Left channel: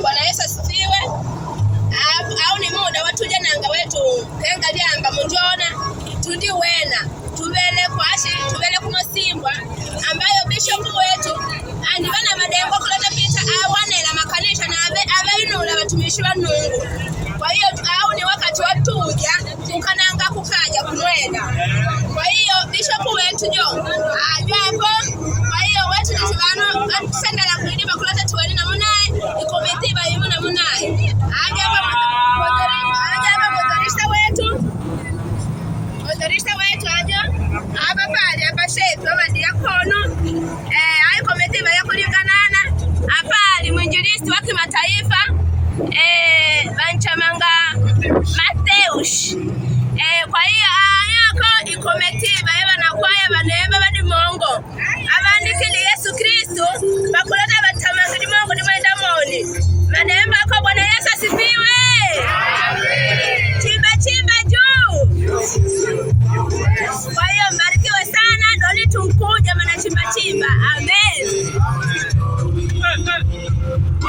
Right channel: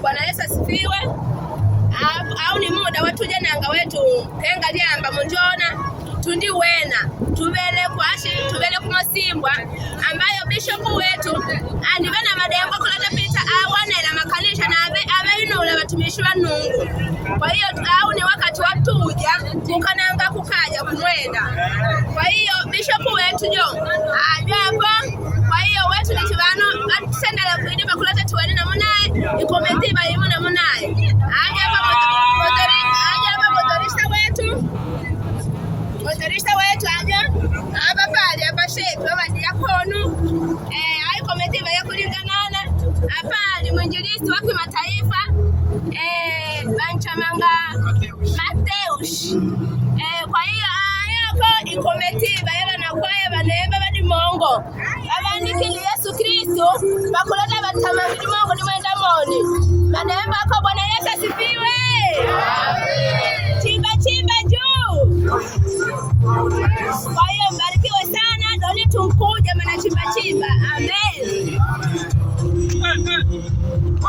Bwana Yesu asifiwe. Au ni muda watuja nanga wetu kenga lyamba munjona tundi wena tubele kumasimbwa ambayo bishop wetu andivana madengo kuleta pita awanela makanisha na abeinula watumishi wa Mungu. Kwa hiyo au ni wakati watuja kukananga kukaja kumwenda. Kwa hiyo bishop wetu jo ajapo. Kwa hiyo wetu ni tibano sendala kulidima kuleta tuweni na munaye ikometiba yimu na munaye ajapa motorista wetu aja aba pale aba shetu aba diakono ai kometiba ya kulinganana apali mwinjilisti wa kimataifa